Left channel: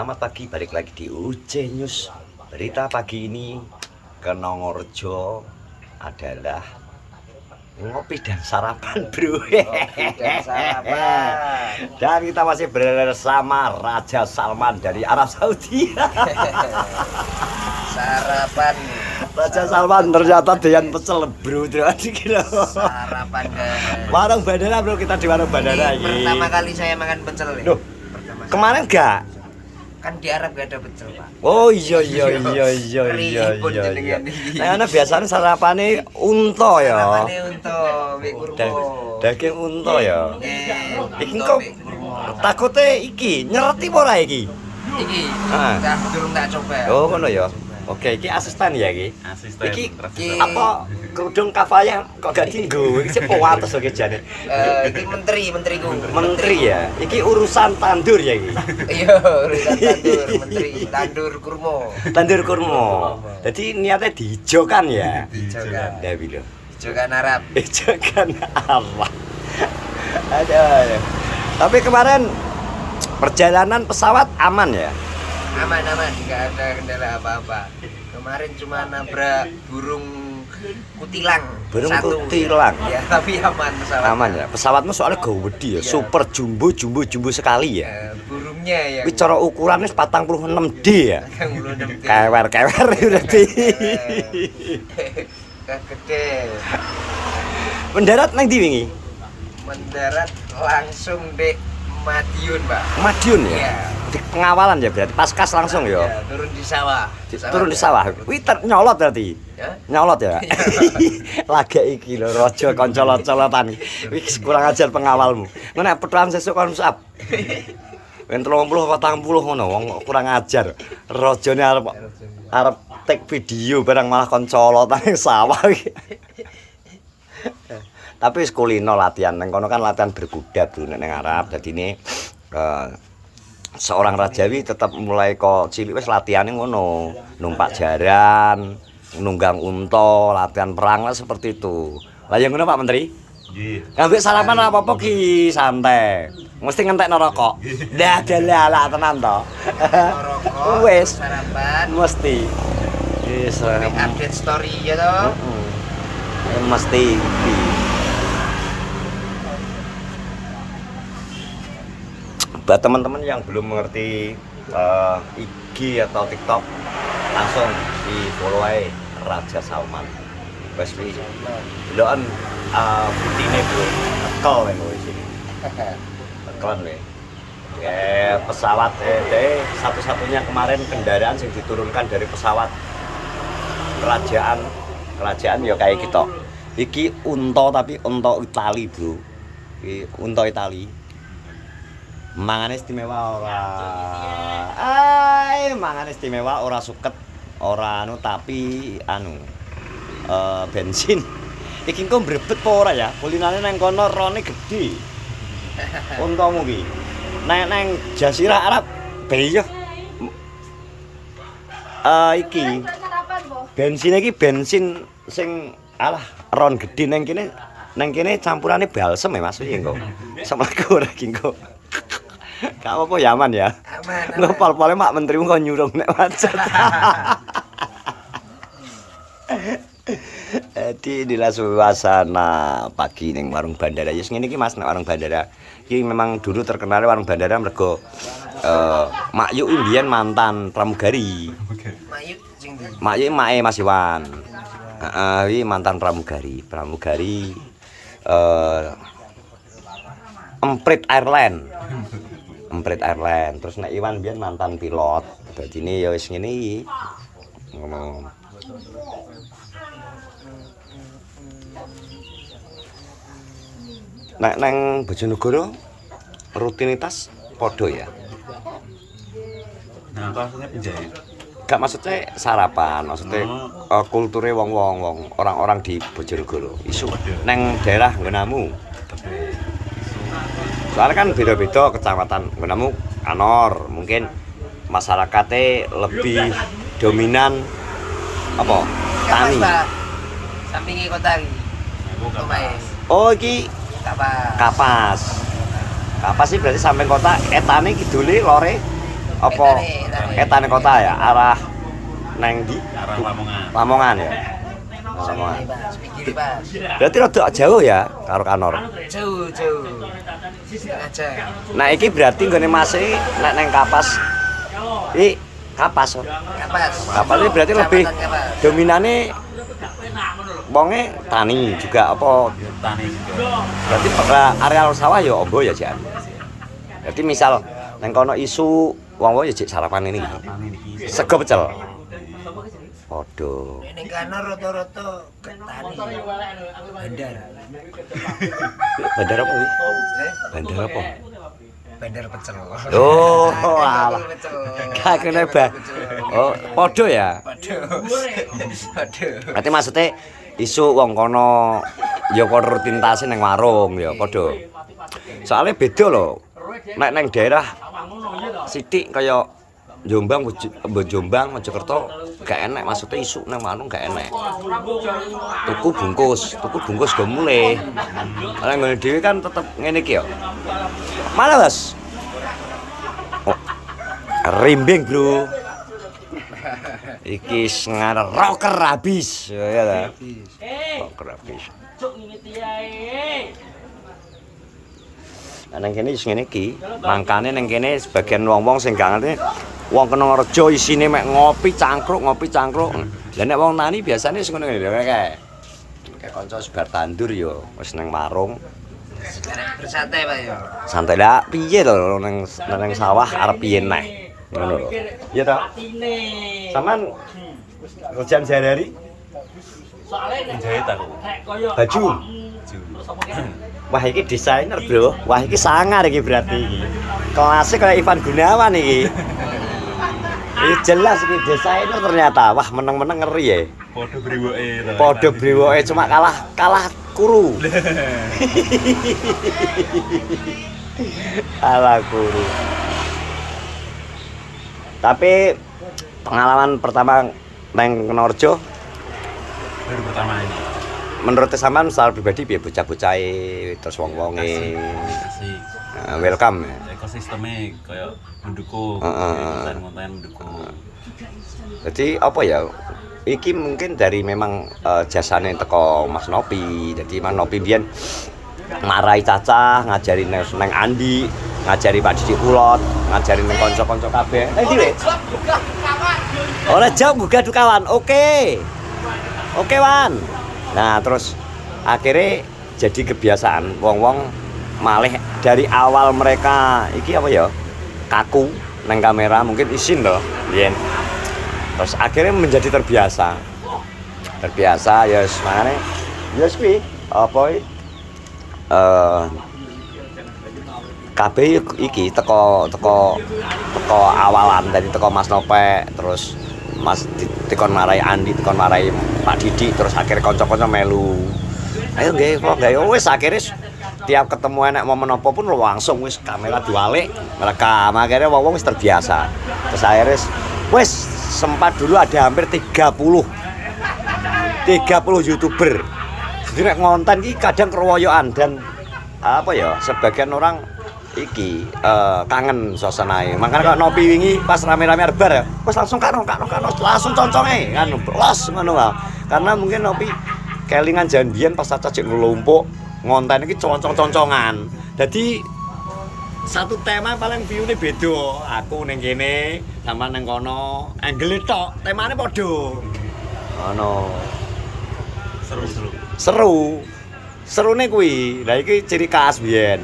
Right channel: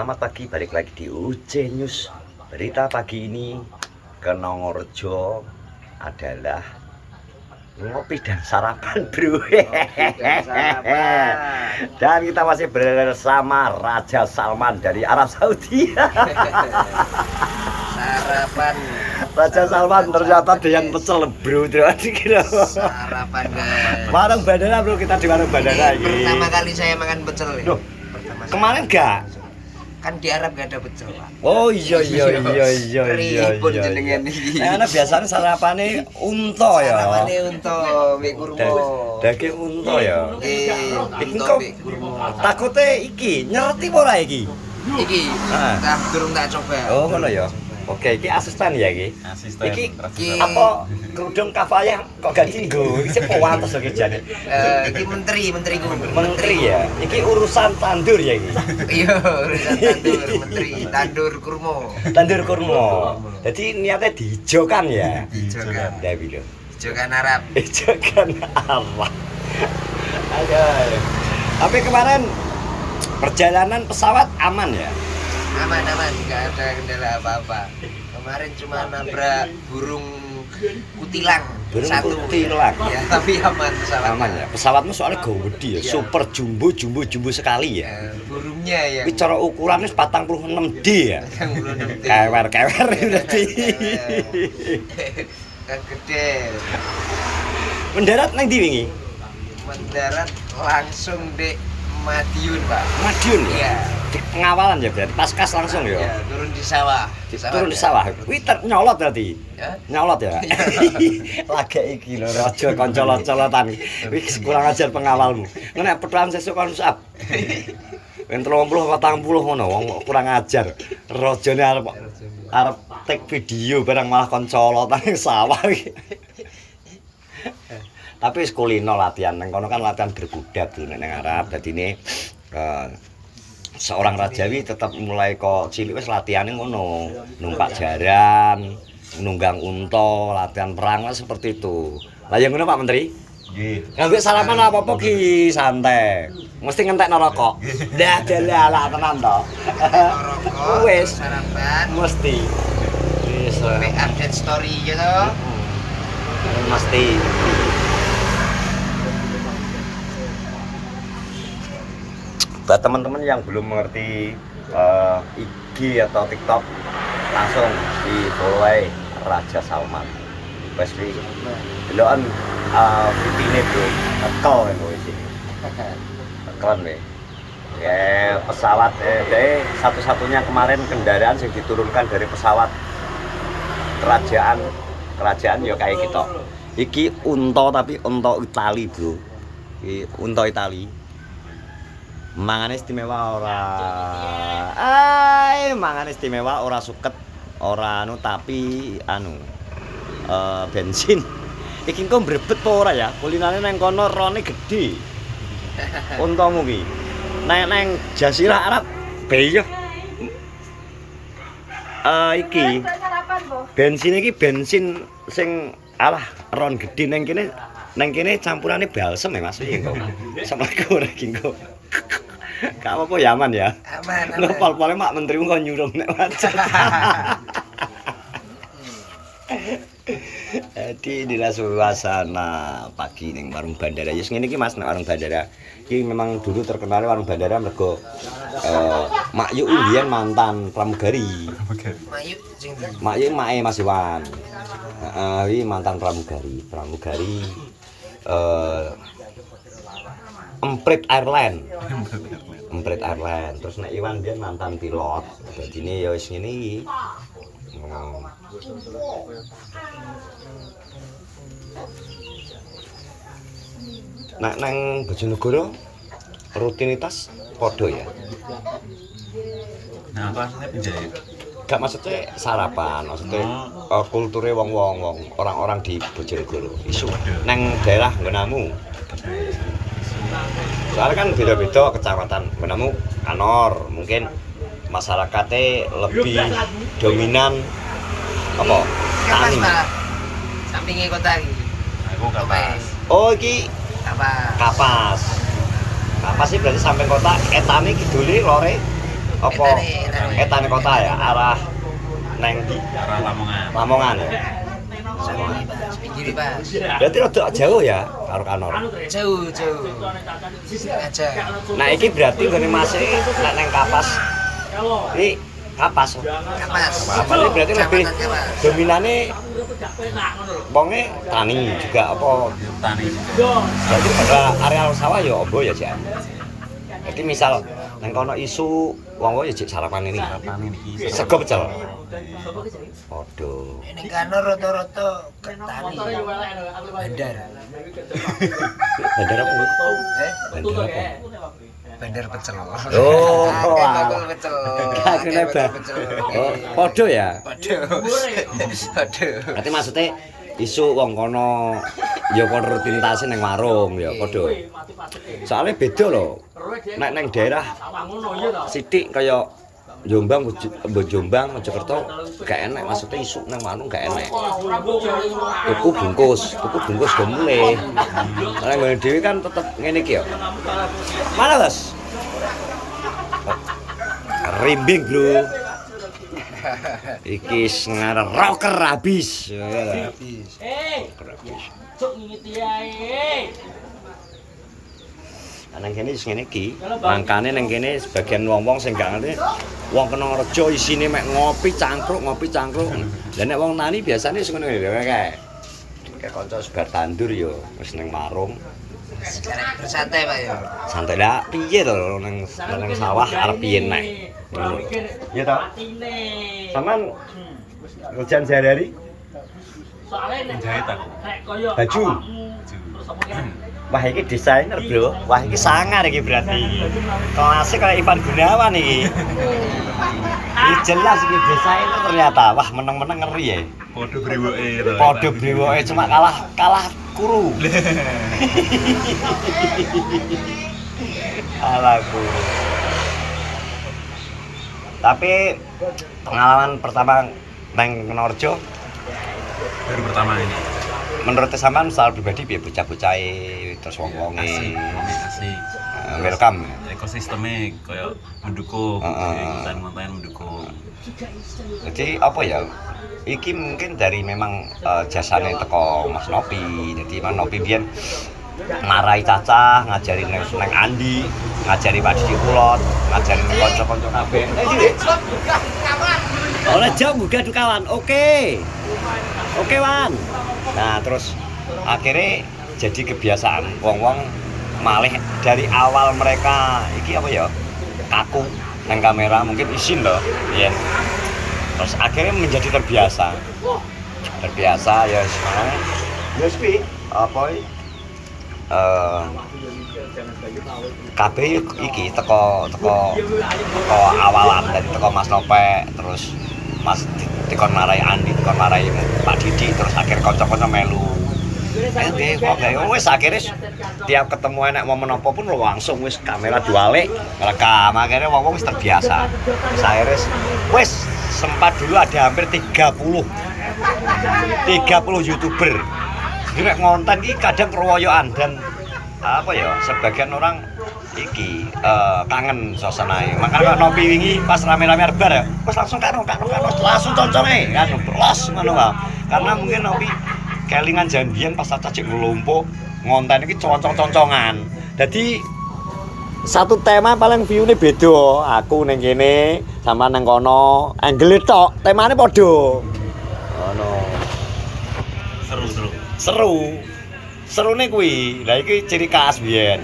Selamat pagi, balik lagi di UC News. Berita pagi ini ke Nongorjo adalah ngopi dan sarapan, bro. Dan kita masih bersama Raja Salman dari Arab Saudi. Sarapan. Raja Salman ternyata doyan pecel, bro. Sarapan, guys. Warung bandara, bro. Kita di warung bandara ini. Pertama kali saya makan pecel. Loh, kemarin enggak? Kan di Arab gak ada pecel, Pak. Oh iya. Ribut jenengan iki. Nah, biasanya sarapane unta ya. Sarapane unta, mbek kurma. Daging unta ya. Nggih. Iki kok takute iki nyereti apa ora iki? Iki. Ah. Dah durung tak coba. Oh, ngono ya. Oke, iki asisten ya iki. Asisten. Iki Iki. apa kerudung kafayah kok gak dienggo? Iki sing wates iki jane. Iki menteri ku. Menteri ya. Iki urusan tandur ya iki. Iya, menteri tandur kurma. Tandur kurma. Jadi niatnya diijokan ya. Diijokan. Ndawi lho. Ijokan Arab. Ijokan Allah. Aduh. Tapi kemarin perjalanan pesawat aman ya? Aman, nggak ada kendala apa-apa. Kemarin cuma nabrak burung kutilang. Burung satu. kutilang. Ya, tapi aman pesawat. Aman ya. Pesawatmu soalnya gede ya, Iya. super jumbo sekali ya. Burungnya yang Tapi cara ukurannya 46D ya. yang belum ngerti. Kewer berarti. Kan gede. Mendarat nang ndi wingi? Mendarat langsung di Madiun, Pak. Madiun ya. Iya. Di pengawalan ya berarti paskas langsung ya. Ya, turun di sawah. Turun di sawah. Kuwi nyolot berarti. Ya. Nyolot ya. Lagek iki lho raja kanca colot-colotan. Wih kurang ajar pengawalmu. Nek petuan sesuk kon musab. Ben 30 40 ngono wong kurang ajar. Rajane arep take video barang malah kon colotan ning sawah. Tapi wis kulino latihan nang kono kan latihan berkuda bro ning Arab. Dadine seorang rajawi tetap mulai kok cilik wis latihane ngono. Numpak jaran, nunggang unta, latihan perang lah seperti itu. Lah yang ngono Pak Menteri? Nggih. Ngambil salaman apa-apa ki santai. Mesti ngentekno rokok. Dah dalah tenan to. Rokok, Wis sarapan, mesti. Wis update story ya toh. mesti. Buat teman-teman yang belum mengerti IG atau TikTok, langsung di follow aja Raja Salman. Wes wi. Deloken fitine bro, nekel kan wis ini. Nekel we. Ya pesawat deh satu-satunya kemarin kendaraan yang diturunkan dari pesawat kerajaan ya kayak gitu. Iki unta tapi unta Itali, bro. Iki unta Itali. Mangane istimewa ora. Mangane istimewa ora suket, ora anu tapi anu bensin. Iki engko mbrebet apa ora ya? Kulinane nang kono rone gede. Untamu ki. Nang Jazirah Arab beyo. Iki bensin iki bensin sing alah ron gede nang kene campurane balsem ya Mas iki engko. Samaku ora iki engko. Gak apa-apa ya aman ya. Aman. Ngopol-pole mak menterimu kok nyurung nek macet. Jadi inilah suasana pagi ning warung bandara. Ya ngene iki Mas nek warung bandara. Iki memang dulu terkenal warung bandara mergo Mak Yu mbiyen mantan pramugari. Mayu sing ndi? Mak Yu mae Mas Iwan. Heeh, iki mantan pramugari. Emprit Airline. Terus nek Iwan mbiyen mantan pilot. Dadine ya wis ngene iki. Ngono. Nek nang Bojonegoro rutinitas podo ya. Nah, aku aslinya penjahit. Gak maksudnya sarapan, maksudnya kulture wong-wong orang-orang di Bojonegoro. Isu nang daerah nggonamu. Tapi Soalnya kan beda-beda kecamatan. Nggonamu kanor, mungkin masyarakatnya lebih dominan apa? Kapas, Tani. Pak. Sampingi kota iki. aku kapas. Oh iki Kapas. Kapas. Kapas sih berarti sampai kota etane kidule lore apa etane kota ya arah neng di Arah Lamongan. Lamongan ya. Lamongan. Pinggir Mas. Berarti rada jauh ya karo Kanor. Jauh. Aja. Nah iki berarti nggone Mas nek neng Kapas. Iki Kapas. Kapas. Kapas ini berarti lebih dominane wonge tani juga apa Ya, tani juga. berarti bakal areal sawah ya ombo ya Jan. Berarti misal neng kono isu wong-wong ya jek sarapan ini. Tani iki. Sego pecel. Waduh. Ini Kanor rata-rata ke tani. Bandar. Bandar apa iki? Bandar apa? Bandar pecel. Oh, Bakul pecel. Gak kena bah. Oh, podo ya. Waduh. Berarti maksudnya isu wong kono ya padha rutinitas nang warung ya padha. Soalnya beda lho. Nek nang daerah sithik kaya Jombang, Jombang, Mojokerto gak enak maksudnya isu nang warung gak enak. Tuku bungkus go mulai. Nek ngene dhewe kan tetep ngene iki ya. Mana, Mas? Oh, rimbing, Bro. Iki ngarep rocker habis. Ya ta. Rocker habis. Nang kene wis ngene iki. Mangkane nang kene sebagian wong-wong sing gak ngerti wong Kenonrejo isine mek ngopi cangkruk. Lah nek wong tani biasane sing ngene kae. Kayak kanca sebar tandur ya wis nang warung. Bersantai Pak ya. Santai lah piye to nang sawah arep piye neh. Ngono. Iya ta? Sampean kerjaan sehari-hari Jahit aku. baju. Wah iki desainer, Bro. Wah iki sangar iki berarti iki. Kelasnya kayak Ivan Gunawan iki. Ini jelas iki desainer ternyata. Wah meneng-meneng ngeri ya. Podo brewoke to. Podo brewoke cuma kalah kuru. Kalah kuru. Tapi pengalaman pertama nang Kenonrejo Baru pertama ini. menurut sampean secara pribadi piye bocah-bocah terus wong-wonge Asik. welcome ya. Ekosistemnya kayak mendukung. Konten-konten mendukung. Jadi apa ya? Iki mungkin dari memang jasane teko Mas Nopi. Jadi Mas Nopi biyen marai Cacah, ngajari nang Andi, ngajari Pak Didi Ulot, ngajari nang kanca-kanca kabeh. Ora jam buka kawan. Oke, Wan. Nah, terus akhirnya jadi kebiasaan wong-wong malih dari awal mereka iki apa ya? Kaku nang kamera mungkin isin loh. Yen. Terus akhirnya menjadi terbiasa ya makanya ya kuwi apa kabeh iki teko awalan dari teko Mas Nopek terus Mas dikon marai Andi dikon marai Pak Didi terus akhirnya kanca-kanca melu ayo nggih kok gawe wis akhirnya tiap ketemu anak momen apa pun langsung wis kamera diwalik rekam akhirnya wong wis terbiasa terus akhirnya wis sempat dulu ada hampir 30 YouTuber jadi nek ngonten iki kadang keroyokan dan apa ya sebagian orang iki kangen suasanae. Makanya kalau Nopi wingi pas rame-rame bar ya, wis langsung karo langsung conconge kan los ngono wae. Karena mungkin Nopi kelingan janjian pas Caca cek nglumpuk ngonten iki concong-concongan. Dadi satu tema paling view-ne beda. Aku ning kene sama nang kono, angle tok, temane padha. Ngono. Serune kuwi. Lah iki ciri khas biyen.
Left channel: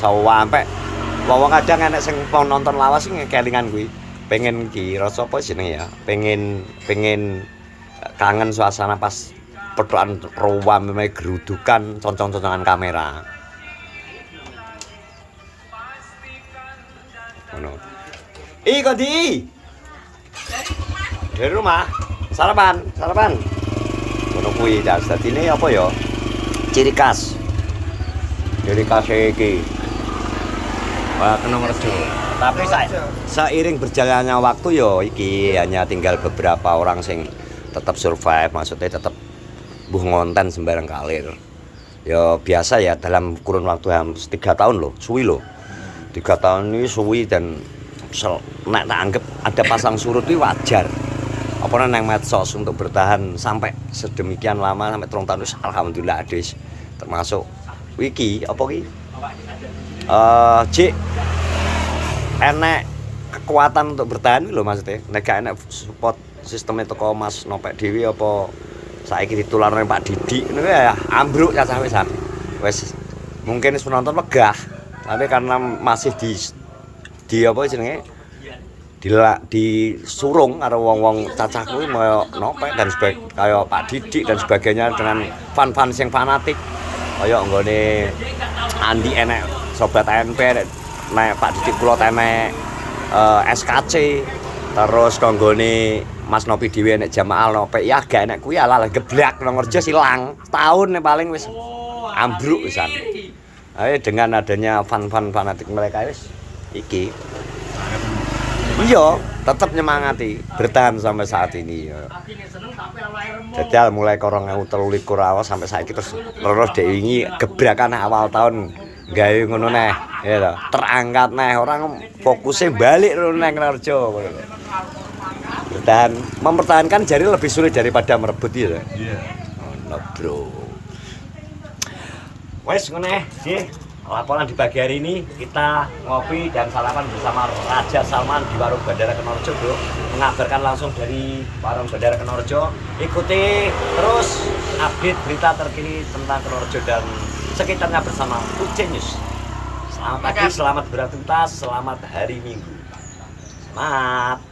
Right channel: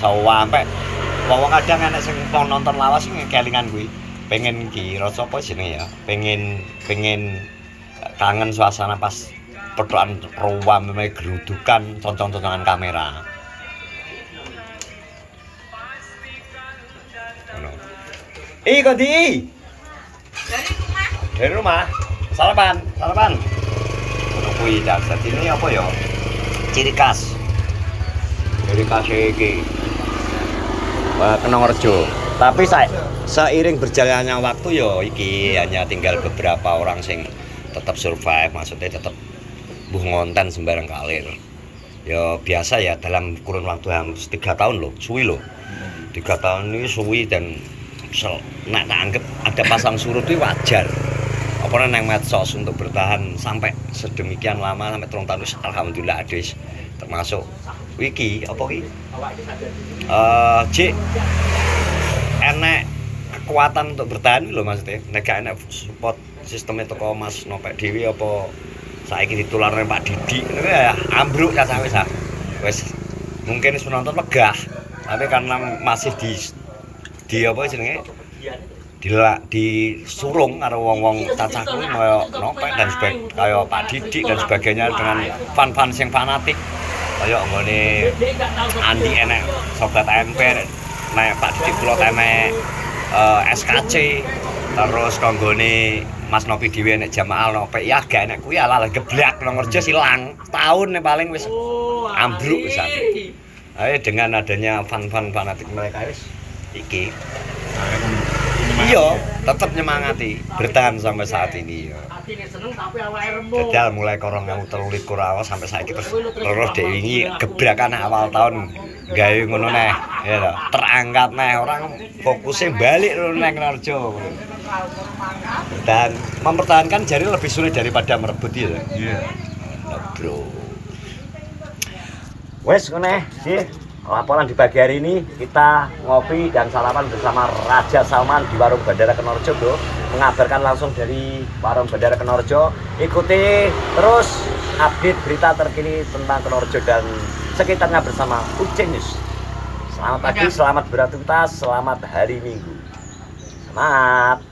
Sampai wong kadang anak sing nonton lawas sing kelingan kuwi pengen iki rasa apa jenenge ya pengen kangen suasana pas petukan ruam meme gerudukan concong-concongan kamera ngono Kondi dari rumah sarapan ngono kuwi dadi ini apa ya ciri khas iki Kenonrejo. Tapi seiring berjalannya waktu yo iki hanya tinggal beberapa orang sing tetap survive, maksudnya tetap buh ngonten sembarang kalir. Ya biasa ya dalam kurun waktu hampir 3 tahun loh, suwi loh. 3 tahun ini suwi dan nek tak anggap ada pasang surut itu wajar. Apa nang medsos untuk bertahan sampai sedemikian lama sampai 3 tahun alhamdulillah adis. Termasuk wiki apa ki? Cik enek kekuatan untuk bertahan lho maksudnya. Nek gak enek support sistemnya toko Mas Nopek Dewi apa saiki ditularne Pak Didi ngono ya ambruk cacah wis ah. Wis mungkin penonton megah. Tapi karena masih di apa jenenge? Disurung karo wong-wong cacah kuwi kaya Nopek dan kaya Pak Didi dan sebagainya dengan fan-fan yang fanatik. Kaya nggone Andi enek sobat ANP nek Pak Didi kula enek SKC terus kanggone Mas Nopi Dewi enek Jamaah Nopek ya gak enek kuwi ala geblak nang Ngerjo silang tahun paling wis ambruk pisan. Ayo dengan adanya fan-fan fanatik mereka wis iki iya tetap nyemangati bertahan sampai saat ini ya. Jajal mulai 2023 awal sampai saiki terus wingi gebrakan awal tahun gawe ngono neh ya toh terangkat neh orang fokusnya balik nang Ngerjo dan mempertahankan jari lebih sulit daripada merebut ya bro wes ngono sih laporan di pagi hari ini kita ngopi dan sarapan bersama Raja Salman di Warung Bandara Kenarjo bro, mengabarkan langsung dari Warung Bandara Kenarjo. Ikuti terus update berita terkini tentang Kenarjo dan sekitarnya bersama UC News. Selamat pagi, selamat beraktivitas, selamat hari Minggu. Semangat.